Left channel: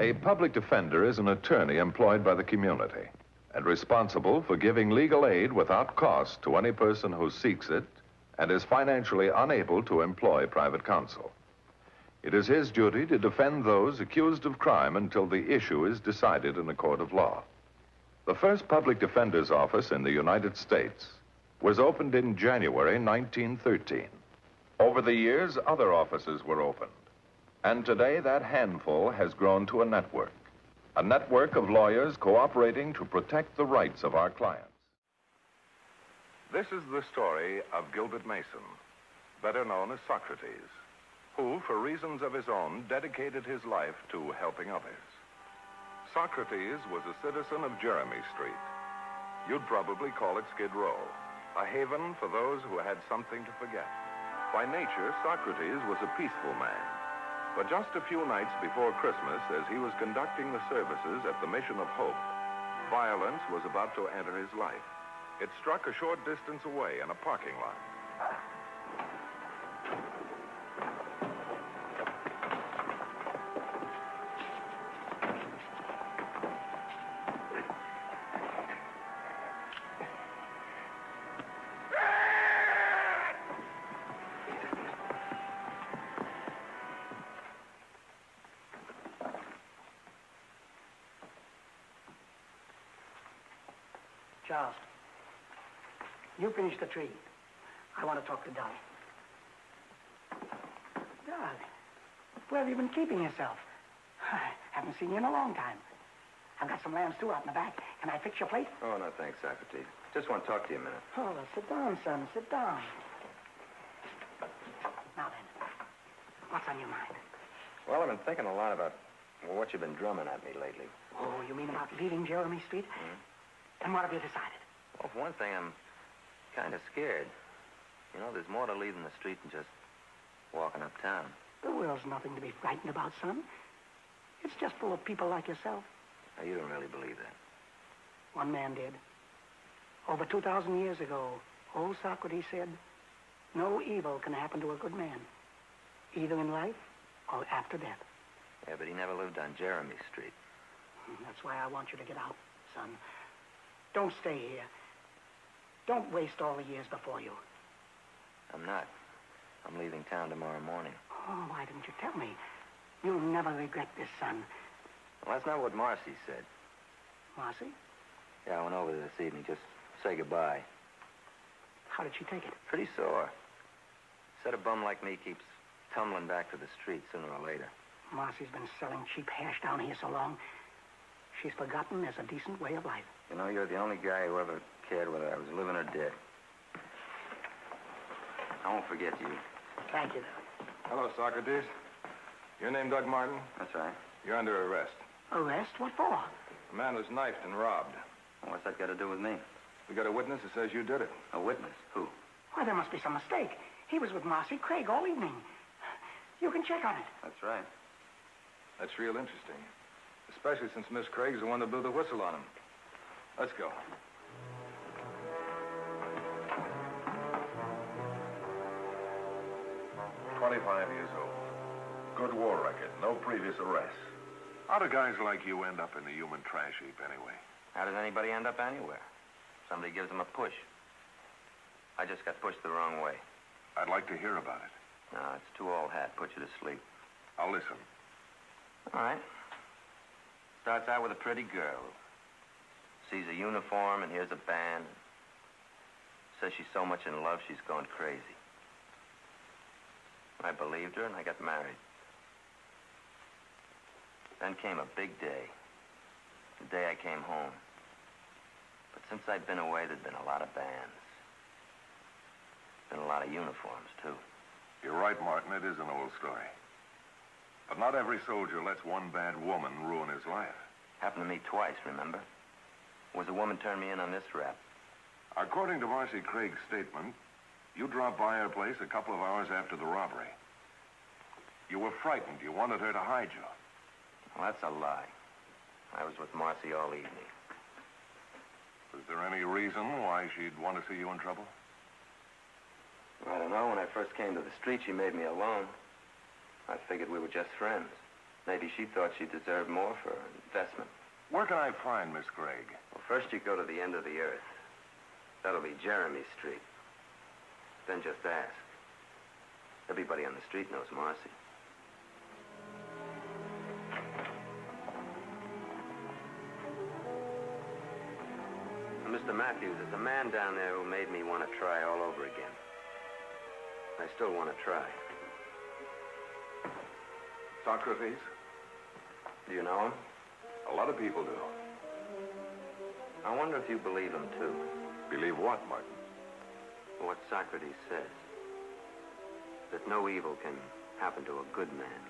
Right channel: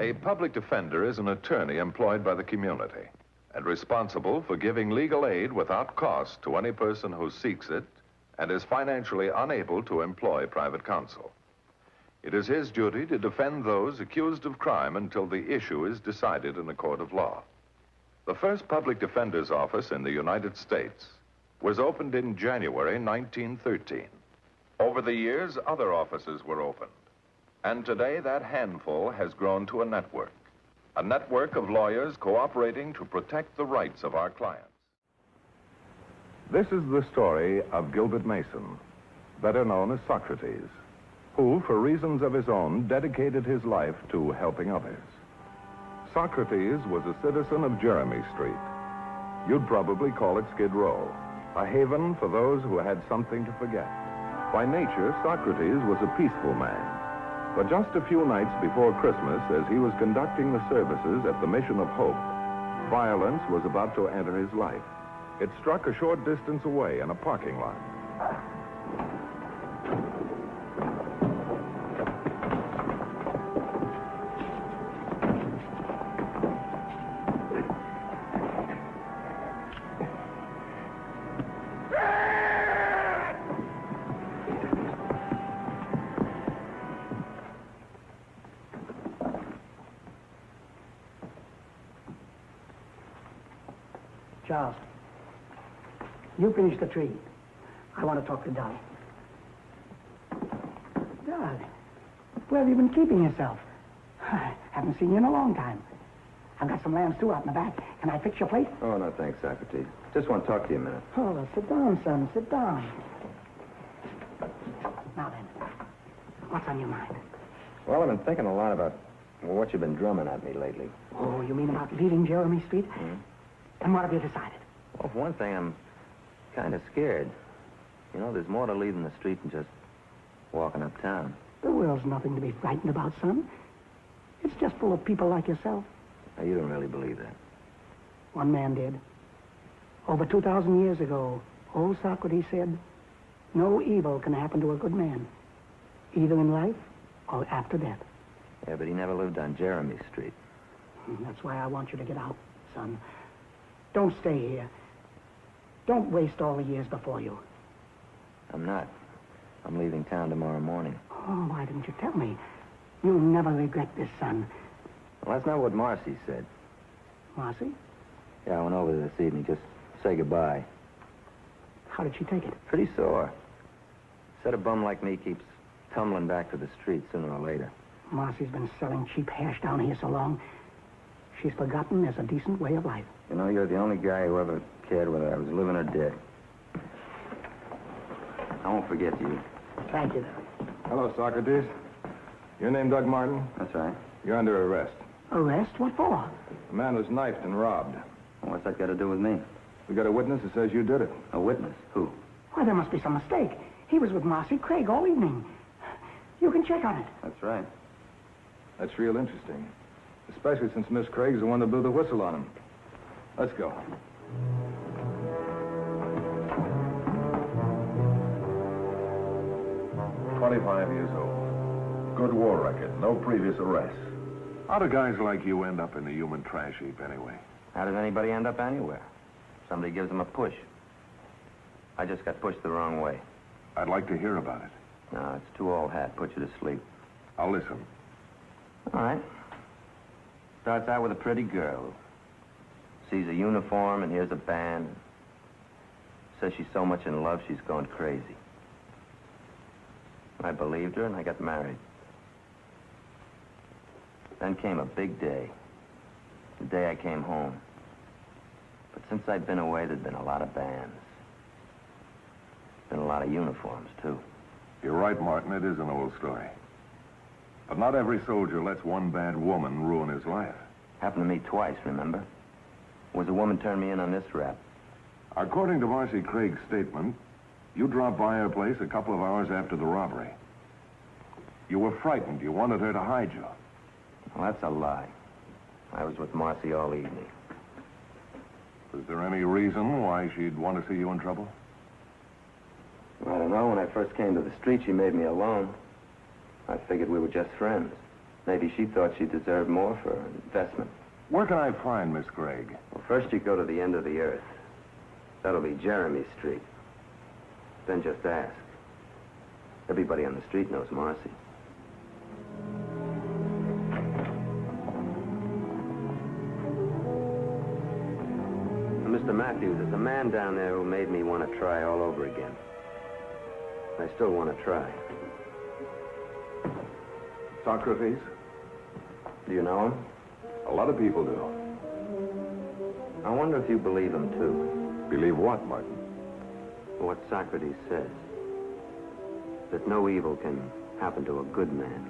A public defender is an attorney employed by the community and responsible for giving legal aid without cost to any person who seeks it and is financially unable to employ private counsel. It is his duty to defend those accused of crime until the issue is decided in a court of law. The first public defender's office in the United States was opened in January 1913. Over the years, other offices were opened. And today, that handful has grown to a network of lawyers cooperating to protect the rights of our clients. This is the story of Gilbert Mason, better known as Socrates, who, for reasons of his own, dedicated his life to helping others. Socrates was a citizen of Jeremy Street. You'd probably call it Skid Row, a haven for those who had something to forget. By nature, Socrates was a peaceful man. But just a few nights before Christmas, as he was conducting the services at the Mission of Hope, violence was about to enter his life. It struck a short distance away in a parking lot. Charles, you finish the tree. I want to talk to Dolly. Dolly, where have you been keeping yourself? I haven't seen you in a long time. I've got some lambs, too, out in the back. Can I fix your plate? Oh, no, thanks, Socrates. Just want to talk to you a minute. Oh, well, sit down, son. Sit down. Now then, what's on your mind? Well, I've been thinking a lot about what you've been drumming at me lately. Oh, you mean about leaving Jeremy Street? Mm-hmm. And what have you decided? Well, for one thing, I'm kind of scared. You know, there's more to leaving the street than just walking uptown. The world's nothing to be frightened about, son. It's just full of people like yourself. Now, you don't really believe that. One man did. Over 2,000 years ago, old Socrates said, no evil can happen to a good man, either in life or after death. Yeah, but he never lived on Jeremy Street. That's why I want you to get out, son. Don't stay here. Don't waste all the years before you. I'm not. I'm leaving town tomorrow morning. Oh, why didn't you tell me? You'll never regret this, son. Well, that's not what Marcy said. Marcy? Yeah, I went over there this evening. Just say goodbye. How did she take it? Pretty sore. Said a bum like me keeps tumbling back to the street sooner or later. Marcy's been selling cheap hash down here so long, she's forgotten there's a decent way of life. You know, you're the only guy who ever cared whether I was living or dead. I won't forget you. Thank you, though. Hello, Socrates. Your name Doug Martin? That's right. You're under arrest. Arrest? What for? A man was knifed and robbed. Well, what's that got to do with me? We got a witness who says you did it. A witness? Who? Why, there must be some mistake. He was with Marcy Craig all evening. You can check on it. That's right. That's real interesting. Especially since Miss Craig's the one that blew the whistle on him. Let's go. "25 years old. Good war record, no previous arrests. How do guys like you end up in the human trash heap anyway? How does anybody end up anywhere? Somebody gives them a push. I just got pushed the wrong way. I'd like to hear about it. No, it's too old hat. Put you to sleep. I'll listen. All right. Starts out with a pretty girl. Sees a uniform and hears a band. Says she's so much in love she's going crazy. I believed her and I got married. Then came a big day. The day I came home. But since I'd been away, there'd been a lot of bands. Been a lot of uniforms, too. You're right, Martin. It is an old story. But not every soldier lets one bad woman ruin his life. Happened to me twice, remember? Was a woman turned me in on this rap. According to Marcy Craig's statement, you dropped by her place a couple of hours after the robbery. You were frightened. You wanted her to hide you. Well, that's a lie. I was with Marcy all evening. Was there any reason why she'd want to see you in trouble? I don't know. When I first came to the street, she made me alone. I figured we were just friends. Maybe she thought she deserved more for her investment. Where can I find Miss Craig? Well, first you go to the end of the earth. That'll be Jeremy Street. Then just ask. Everybody on the street knows Marcy. Mr. Matthews, there's a man down there who made me want to try all over again. I still want to try. Socrates? Do you know him? A lot of people do. I wonder if you believe him, too. Believe what, Martin? What Socrates says. That no evil can happen to a good man.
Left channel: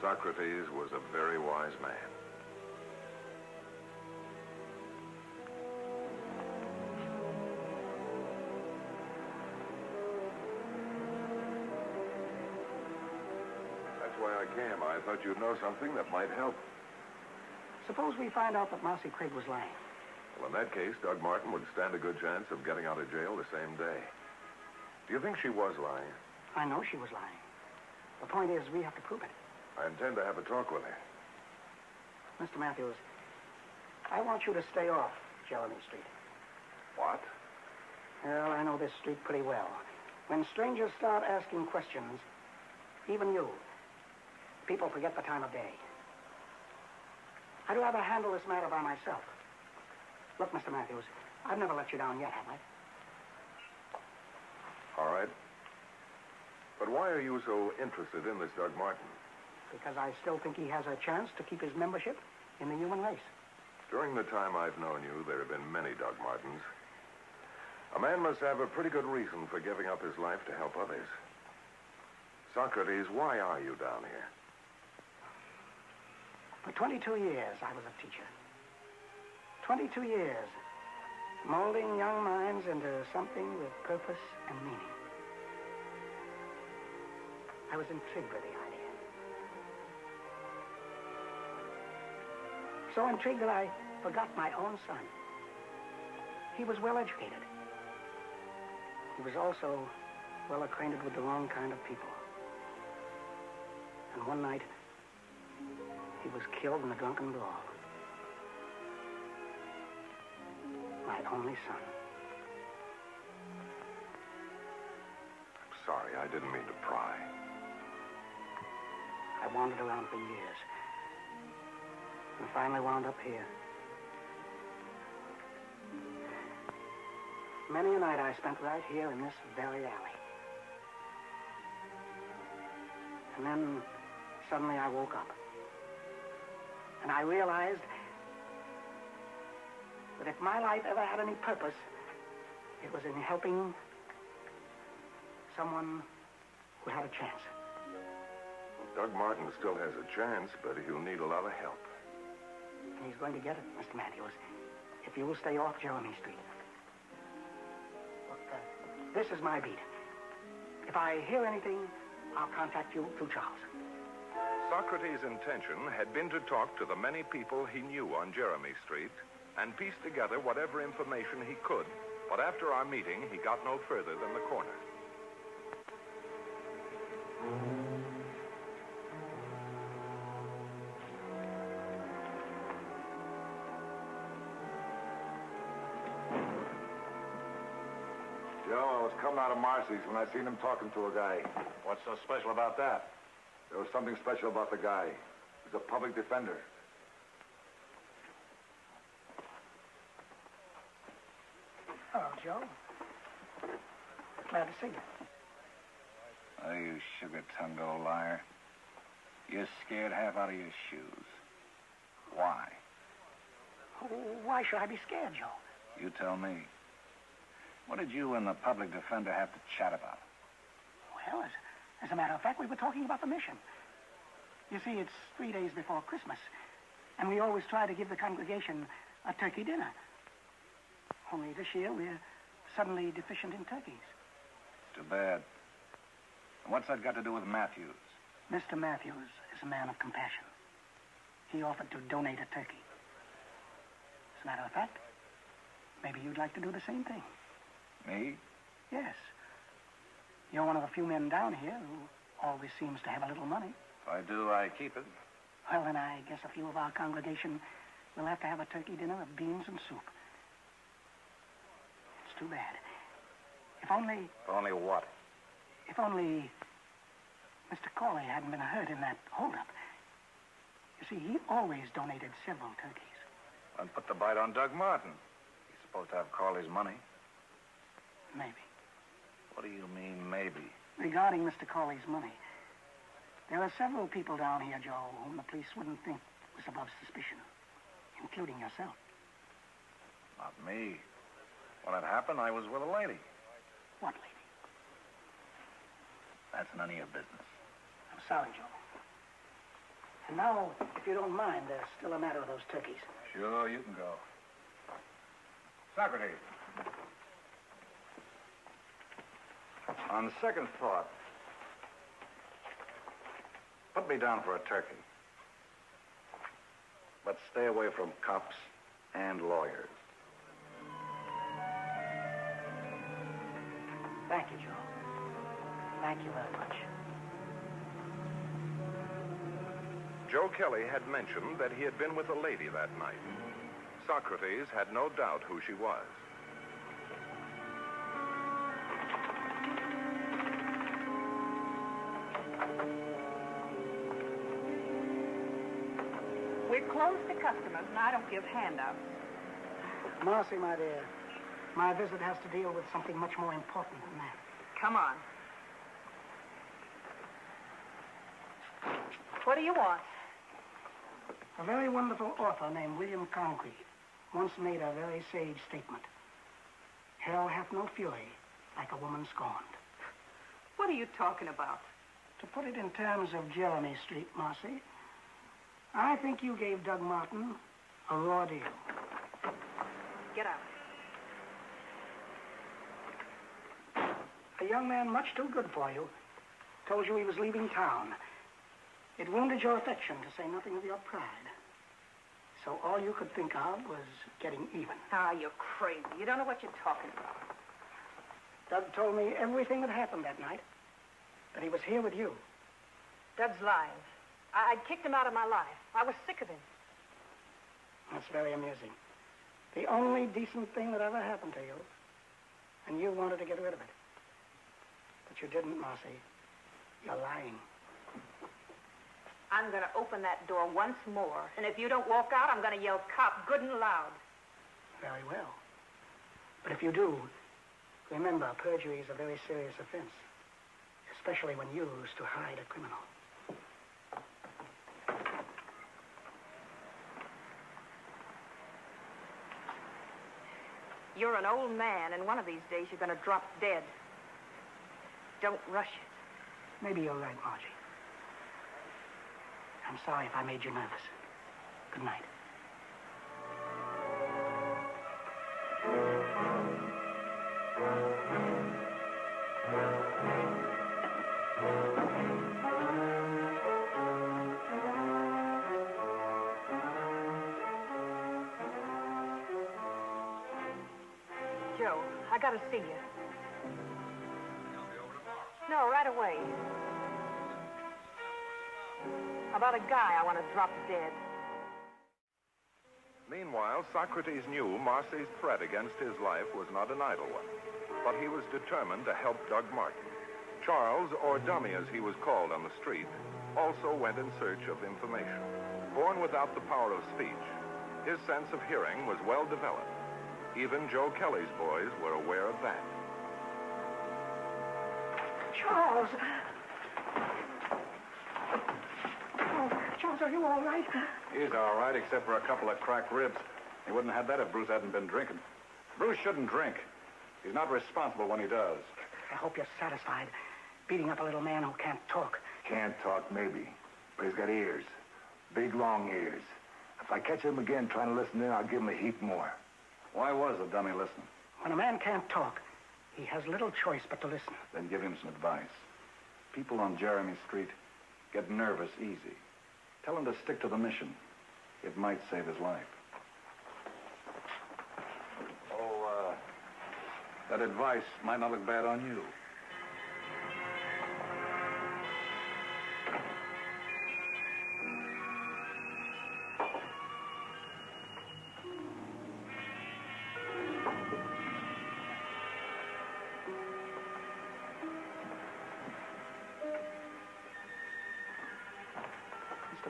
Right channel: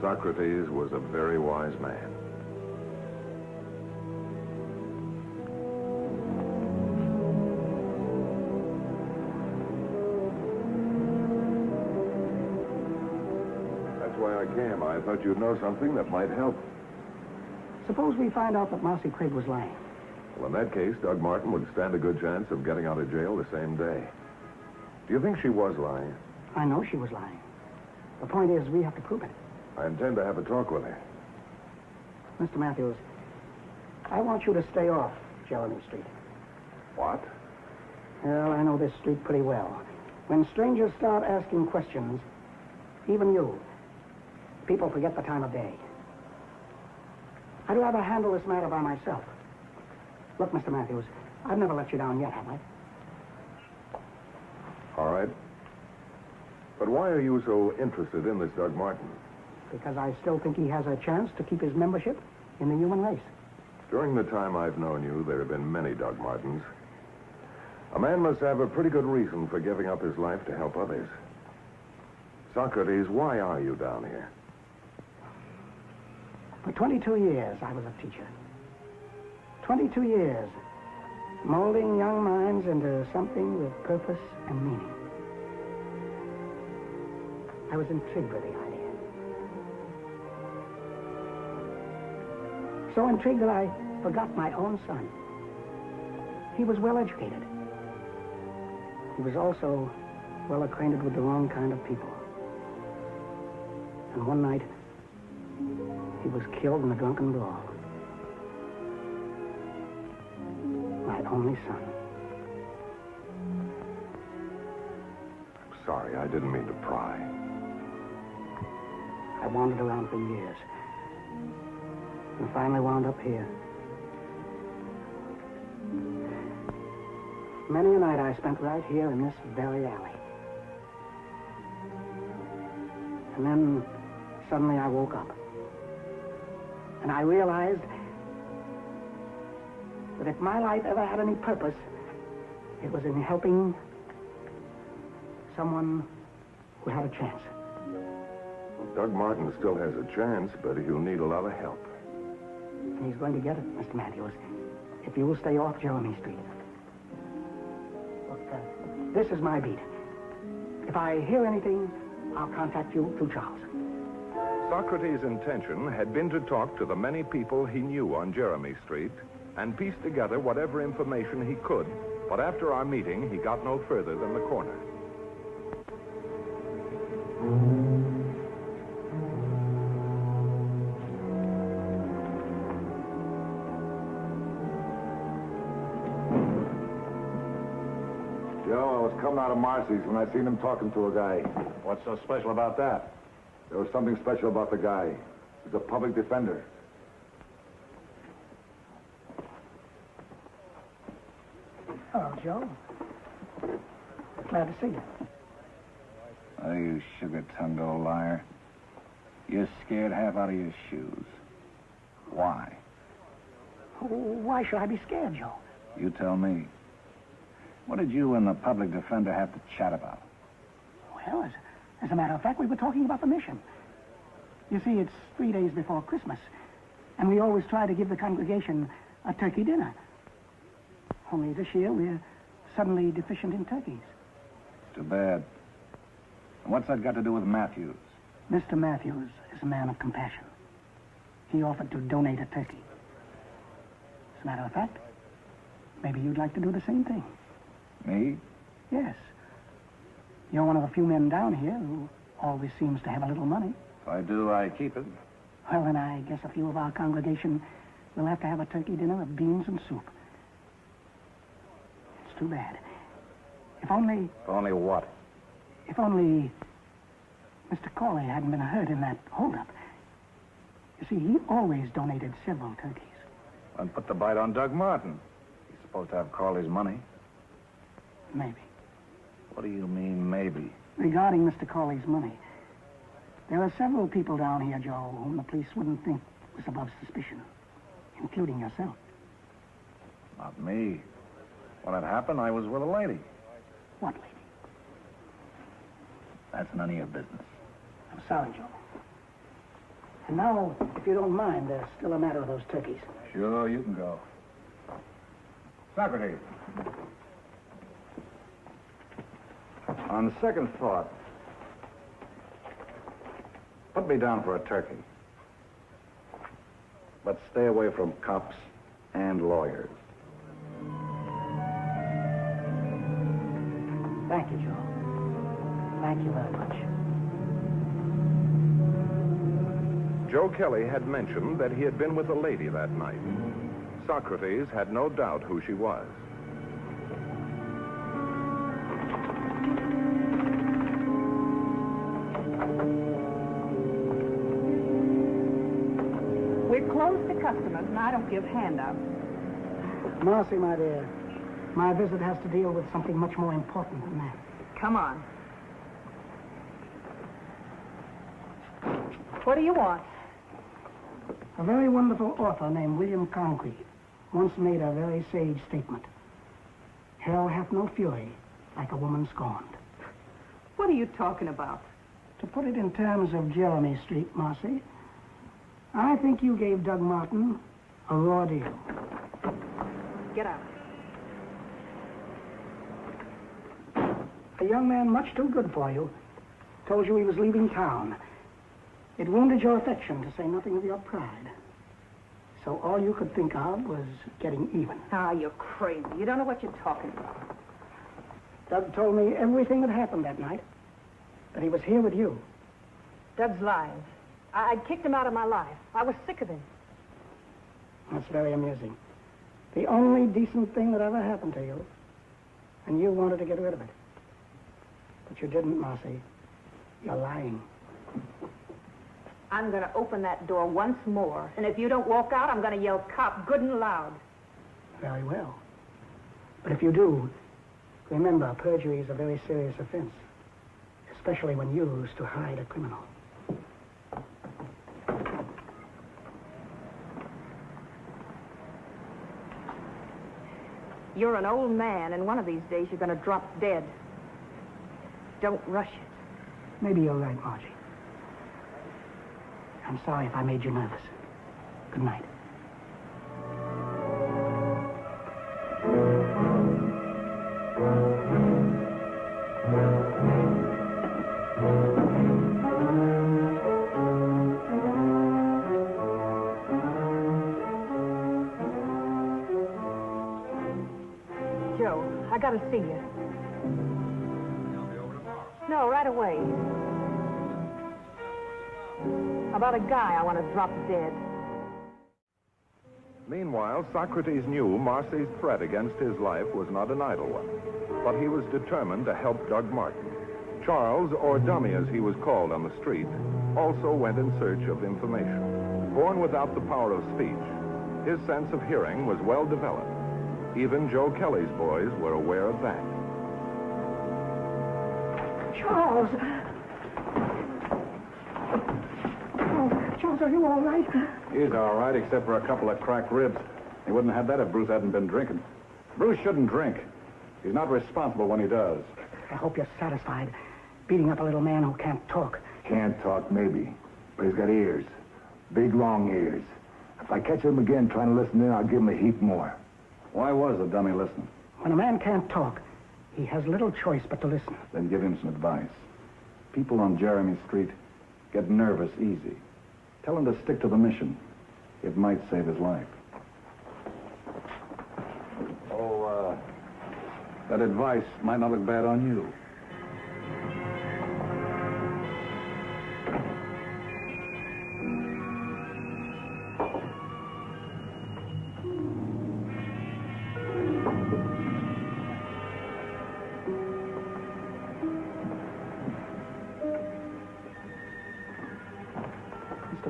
Socrates was a very wise man. That's why I came. I thought you'd know something that might help. Suppose we find out that Marcy Craig was lying. Well, in that case, Doug Martin would stand a good chance of getting out of jail the same day. Do you think she was lying? I know she was lying. The point is, we have to prove it. I intend to have a talk with her. Mr. Matthews, I want you to stay off Jeremy Street. What? Well, I know this street pretty well. When strangers start asking questions, even you, people forget the time of day. I'd rather handle this matter by myself. Look, Mr. Matthews, I've never let you down yet, have I? All right. But why are you so interested in this Doug Martin? Because I still think he has a chance to keep his membership in the human race. During the time I've known you, there have been many Doug Martins. A man must have a pretty good reason for giving up his life to help others. Socrates, why are you down here? For 22 years, I was a teacher. 22 years, molding young minds into something with purpose and meaning. I was intrigued with the idea. So intrigued that I forgot my own son. He was well educated. He was also well acquainted with the wrong kind of people. And one night, he was killed in a drunken brawl. My only son. I'm sorry, I didn't mean to pry. I wandered around for years. And finally wound up here. Many a night I spent right here in this very alley. And then suddenly I woke up. And I realized that if my life ever had any purpose, it was in helping someone who had a chance. Well, Doug Martin still has a chance, but he'll need a lot of help. And he's going to get it, Mr. Matthews, if you will stay off Jeremy Street. Look, this is my beat. If I hear anything, I'll contact you through Charles. Socrates' intention had been to talk to the many people he knew on Jeremy Street and piece together whatever information he could, but after our meeting, he got no further than the corner. Joe, I was coming out of Marcy's when I seen him talking to a guy. What's so special about that? There was something special about the guy. He's a public defender. Hello, Joe. Glad to see you. Oh, you sugar-tongued old liar. You're scared half out of your shoes. Why? Oh, why should I be scared, Joe? You tell me. What did you and the public defender have to chat about? Well, as a matter of fact, we were talking about the mission. You see, it's 3 days before Christmas, and we always try to give the congregation a turkey dinner. Only this year, we're suddenly deficient in turkeys. Too bad. And what's that got to do with Matthews? Mr. Matthews is a man of compassion. He offered to donate a turkey. As a matter of fact, maybe you'd like to do the same thing. Me? Yes. You're one of the few men down here who always seems to have a little money. If I do, I keep it. Well, then I guess a few of our congregation will have to have a turkey dinner of beans and soup. It's too bad. If only... Only what? If only Mr. Corley hadn't been hurt in that holdup. You see, he always donated several turkeys. And put the bite on Doug Martin. He's supposed to have Corley's money. Maybe. What do you mean, maybe? Regarding Mr. Corley's money, there are several people down here, Joe, whom the police wouldn't think was above suspicion, including yourself. Not me. When it happened, I was with a lady. What lady? That's none of your business. I'm sorry, Joe. And now, if you don't mind, there's still a matter of those turkeys. Sure, you can go. Socrates. On second thought, put me down for a turkey. But stay away from cops and lawyers. Thank you, Joe. Thank you very much. Joe Kelly had mentioned that he had been with a lady that night. Socrates had no doubt who she was. We're closed to customers, and I don't give handouts. Marcy, my dear, my visit has to deal with something much more important than that. Come on. What do you want? A very wonderful author named William Congreve once made a very sage statement. Hell hath no fury like a woman scorned. What are you talking about? To put it in terms of Jeremy Street, Marcy, I think you gave Doug Martin a raw deal. Get out. A young man much too good for you told you he was leaving town. It wounded your affection, to say nothing of your pride. So all you could think of was getting even. Ah, you're crazy. You don't know what you're talking about. Doug told me everything that happened that night, that he was here with you. Doug's lying. I'd kicked him out of my life. I was sick of him. That's very amusing. The only decent thing that ever happened to you, and you wanted to get rid of it. But you didn't, Marcy. You're lying. I'm going to open that door once more, and if you don't walk out, I'm going to yell cop good and loud. Very well. But if you do, remember, perjury is a very serious offense, especially when used to hide a criminal. You're an old man, and one of these days you're going to drop dead. Don't rush it. Maybe you're right, Margie. I'm sorry if I made you nervous. Good night. Joe, I got to see you. No, right away. About a guy I want to drop dead. Meanwhile, Socrates knew Marcy's threat against his life was not an idle one, but he was determined to help Doug Martin. Charles, or Dummy as he was called on the street, also went in search of information. Born without the power of speech, his sense of hearing was well developed. Even Joe Kelly's boys were aware of that. Charles! Oh, Charles, are you all right? He's all right, except for a couple of cracked ribs. He wouldn't have had that if Bruce hadn't been drinking. Bruce shouldn't drink. He's not responsible when he does. I hope you're satisfied, beating up a little man who can't talk. Can't talk, maybe. But he's got ears. Big, long ears. If I catch him again trying to listen in, I'll give him a heap more. Why was the dummy listening? When a man can't talk, he has little choice but to listen. Then give him some advice. People on Jeremy Street get nervous easy. Tell him to stick to the mission. It might save his life. Oh, that advice might not look bad on you.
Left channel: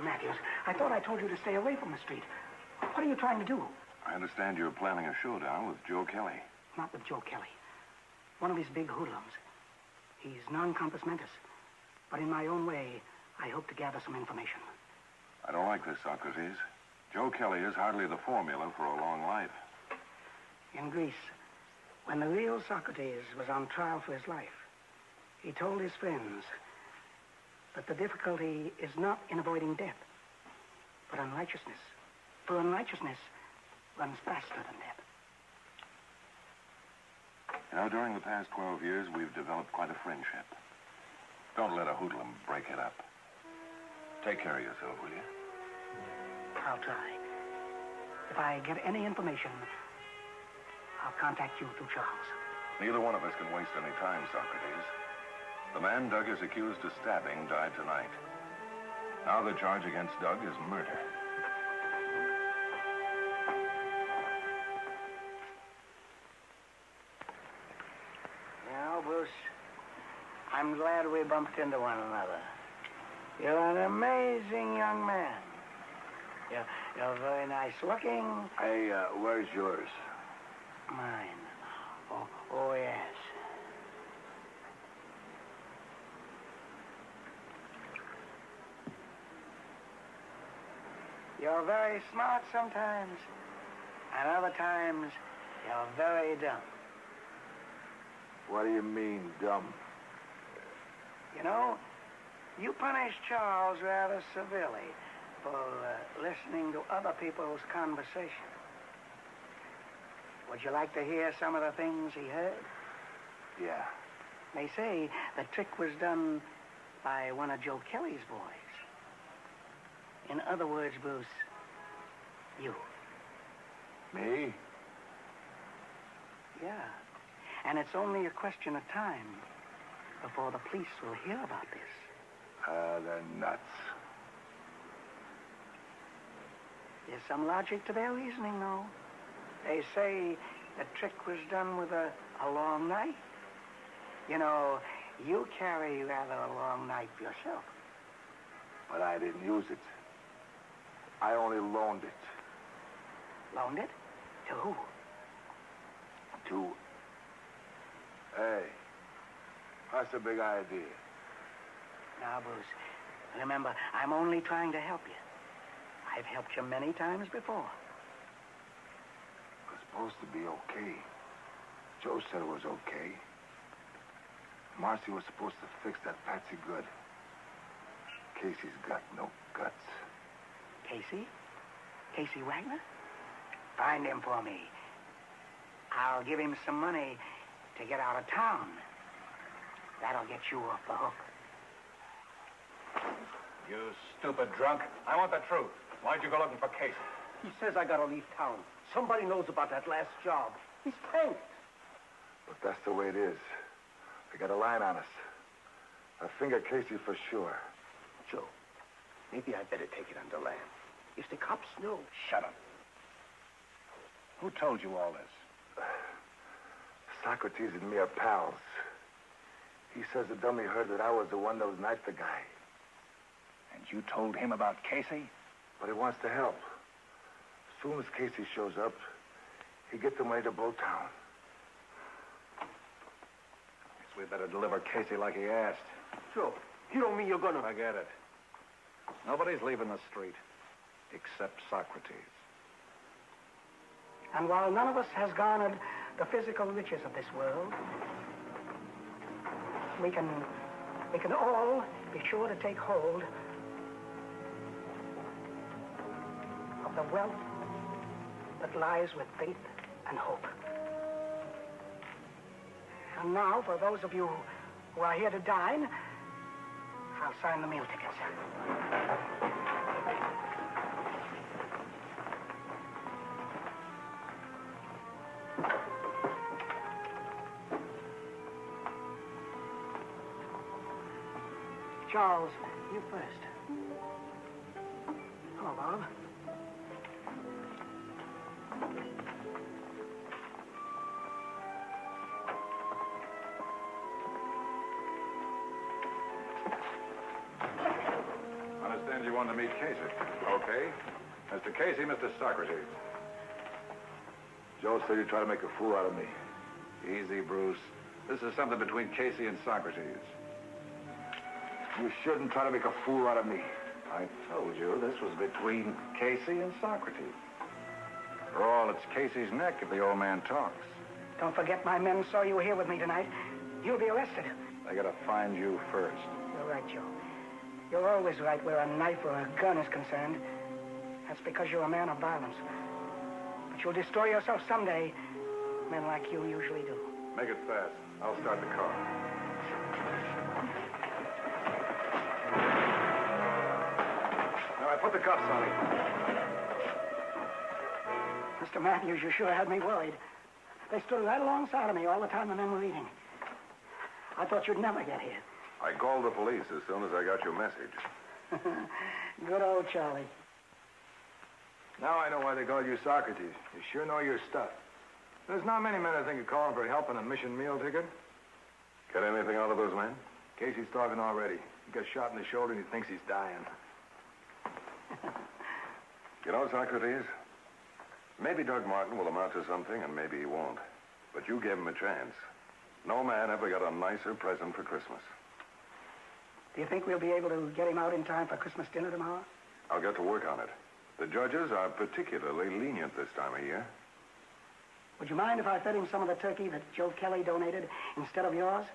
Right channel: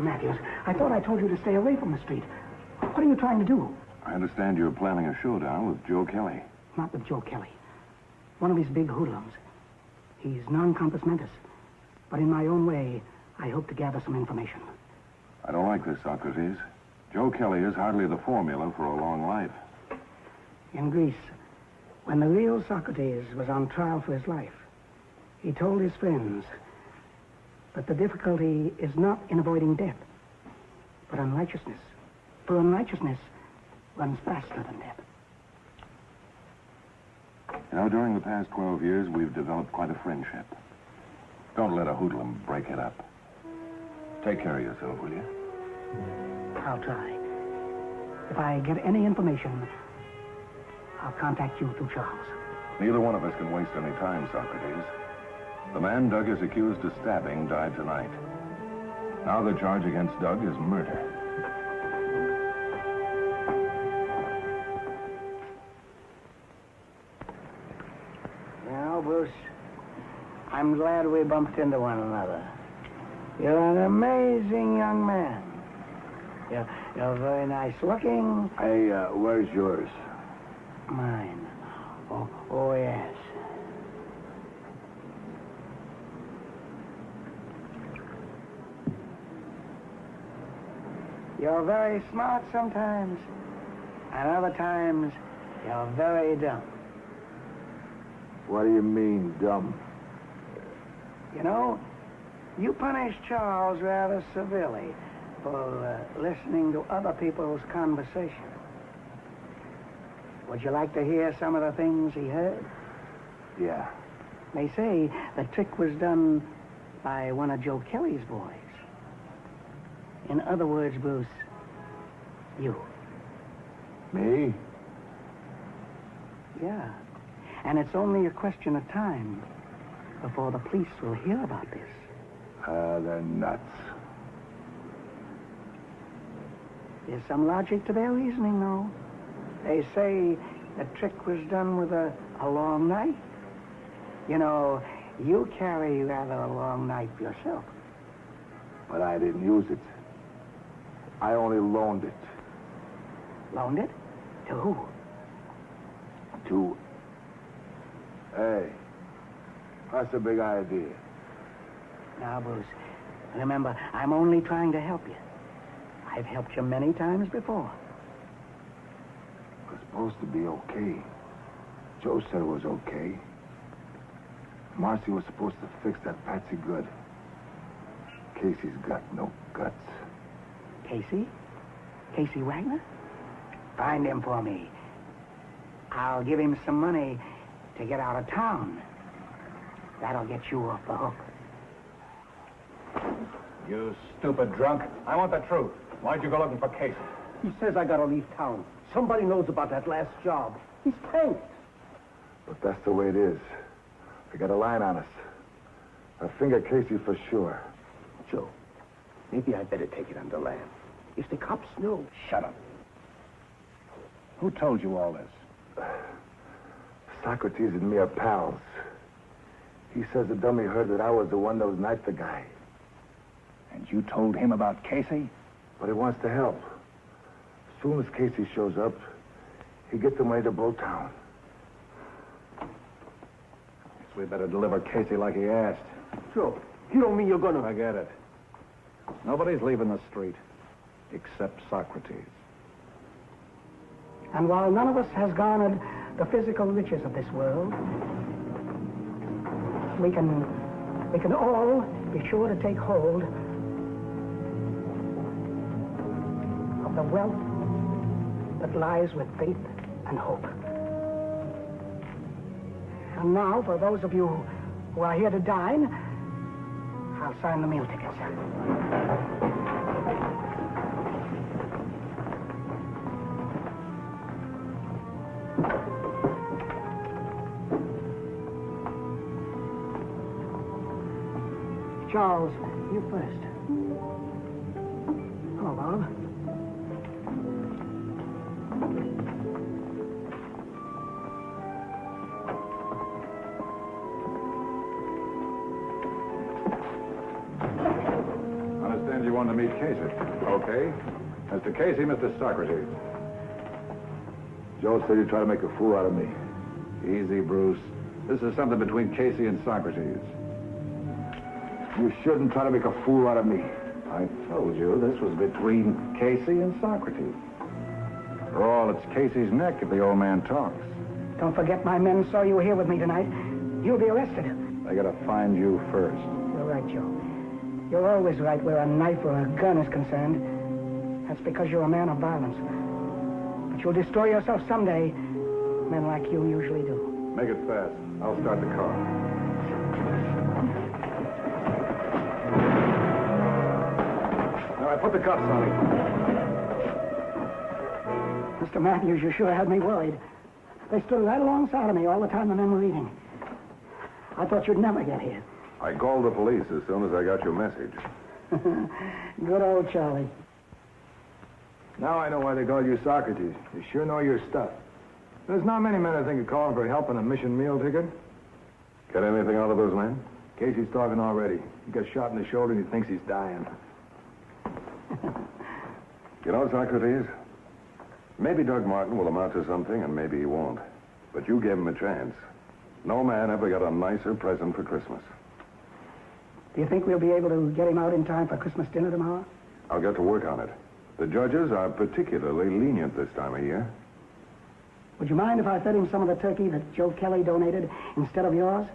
Matthews, I thought I told you to stay away from the street. What are you trying to do? I understand you're planning a showdown with Joe Kelly. Not with Joe Kelly. One of his big hoodlums. He's non-compos mentis. But in my own way, I hope to gather some information. I don't like this, Socrates. Joe Kelly is hardly the formula for a long life. In Greece, when the real Socrates was on trial for his life, he told his friends that the difficulty is not in avoiding death, but unrighteousness. For unrighteousness runs faster than death. You know, during the past 12 years, we've developed quite a friendship. Don't let a hoodlum break it up. Take care of yourself, will you? I'll try. If I get any information, I'll contact you through Charles. Neither one of us can waste any time, Socrates. The man Doug is accused of stabbing died tonight. Now the charge against Doug is murder. Now, Bruce, I'm glad we bumped into one another. You're an amazing young man. You're very nice looking. Hey, where's yours? Mine. Oh, yes. You're very smart sometimes, and other times you're very dumb. What do you mean, dumb? You know, you punished Charles rather severely for listening to other people's conversation. Would you like to hear some of the things he heard? Yeah. They say the trick was done by one of Joe Kelly's boys. In other words, Bruce, you. Me? Yeah. And it's only a question of time before the police will hear about this. They're nuts. There's some logic to their reasoning, though. They say the trick was done with a long knife. You know, you carry rather a long knife yourself. But I didn't use it. I only loaned it. Loaned it? To who? To... Hey, that's a big idea. Now, Bruce, remember, I'm only trying to help you. I've helped you many times before. It was supposed to be okay. Joe said it was okay. Marcy was supposed to fix that Patsy good. Casey's got no guts. Casey? Casey Wagner? Find him for me. I'll give him some money to get out of town. That'll get you off the hook. You stupid drunk. I want the truth. Why'd you go looking for Casey? He says I gotta leave town. Somebody knows about that last job. He's tanked. But that's the way it is. They got a line on us. I finger Casey for sure. Joe, maybe I better take it under land. If the cops know... Shut up. Who told you all this? Socrates and me are pals. He says the dummy heard that I was the one that was knifed the guy. And you told him about Casey? But he wants to help. As soon as Casey shows up, he gets the money to blow town. Guess we better deliver Casey like he asked. Joe, you don't mean you're gonna... Forget it. Nobody's leaving the street, except Socrates. And while none of us has garnered the physical riches of this world, we can all be sure to take hold of the wealth that lies with faith and hope. And now, for those of you who are here to dine, I'll sign the meal tickets. Charles, you first. Hello, Bob. Understand you want going to meet Casey. Okay. Mr. Casey, Mr. Socrates. Joe said he'd try to make a fool out of me. Easy, Bruce. This is something between Casey and Socrates. You shouldn't try to make a fool out of me. I told you this was between Casey and Socrates. For all, it's Casey's neck if the old man talks. Don't forget my men saw you here with me tonight. You'll be arrested. They gotta find you first. You're right, Joe. You're always right where a knife or a gun is concerned. That's because you're a man of violence. But you'll destroy yourself someday. Men like you usually do. Make it fast. I'll start the car. All right, put the cuffs on him. Mr. Matthews, you sure had me worried. They stood right alongside of me all the time the men were eating. I thought you'd never get here. I called the police as soon as I got your message. Good old Charlie. Now I know why they call you Socrates. You sure know your stuff. There's not many men I think of calling for help on a mission meal ticket. Get anything out of those men? Casey's talking already. He got shot in the shoulder and he thinks he's dying. You know, Socrates, maybe Doug Martin will amount to something and maybe he won't. But you gave him a chance. No man ever got a nicer present for Christmas. Do you think we'll be able to get him out in time for Christmas dinner tomorrow? I'll get to work on it. The judges are particularly lenient this time of year. Would you mind if I fed him some of the turkey that Joe Kelly donated instead of yours?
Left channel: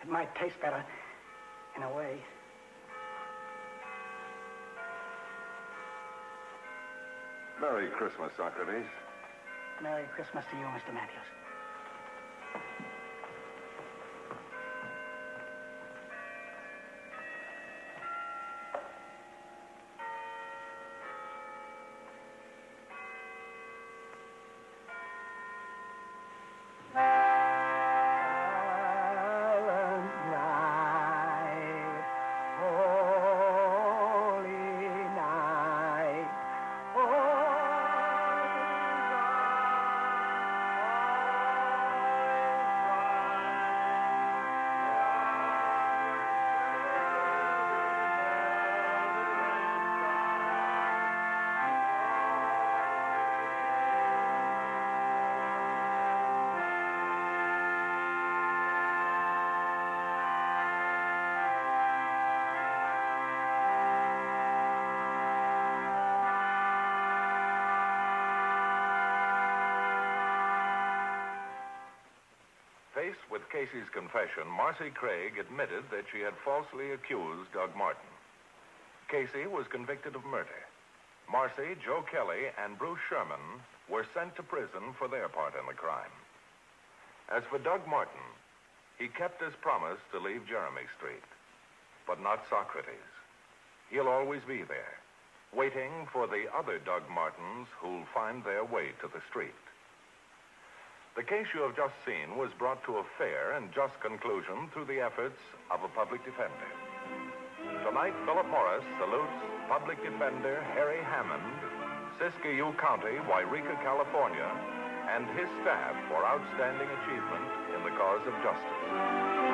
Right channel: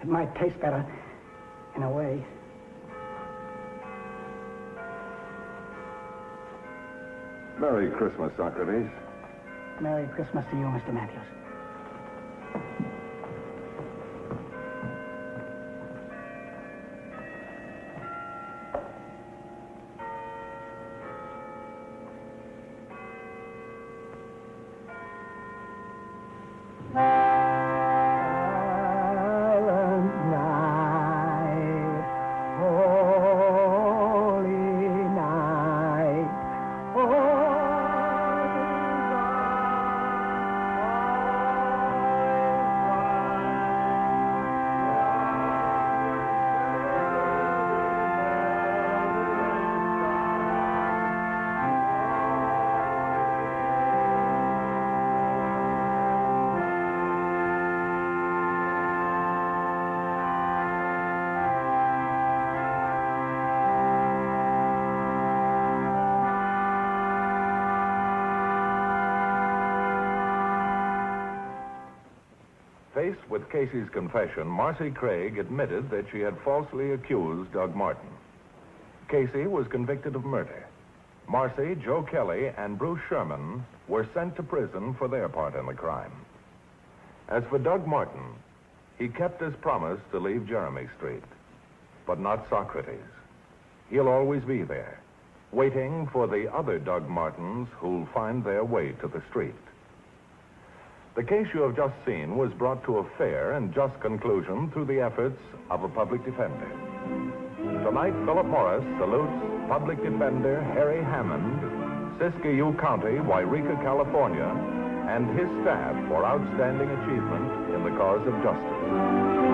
It might taste better, in a way. Merry Christmas, Socrates. Merry Christmas to you, Mr. Matthews. Faced with Casey's confession, Marcy Craig admitted that she had falsely accused Doug Martin. Casey was convicted of murder. Marcy, Joe Kelly, and Bruce Sherman were sent to prison for their part in the crime. As for Doug Martin, he kept his promise to leave Jeremy Street, but not Socrates. He'll always be there, waiting for the other Doug Martins who'll find their way to the street. The case you have just seen was brought to a fair and just conclusion through the efforts of a public defender. Tonight, Philip Morris salutes Public Defender Harry Hammond, Siskiyou County, Wairika, California, and his staff for outstanding achievement in the cause of justice.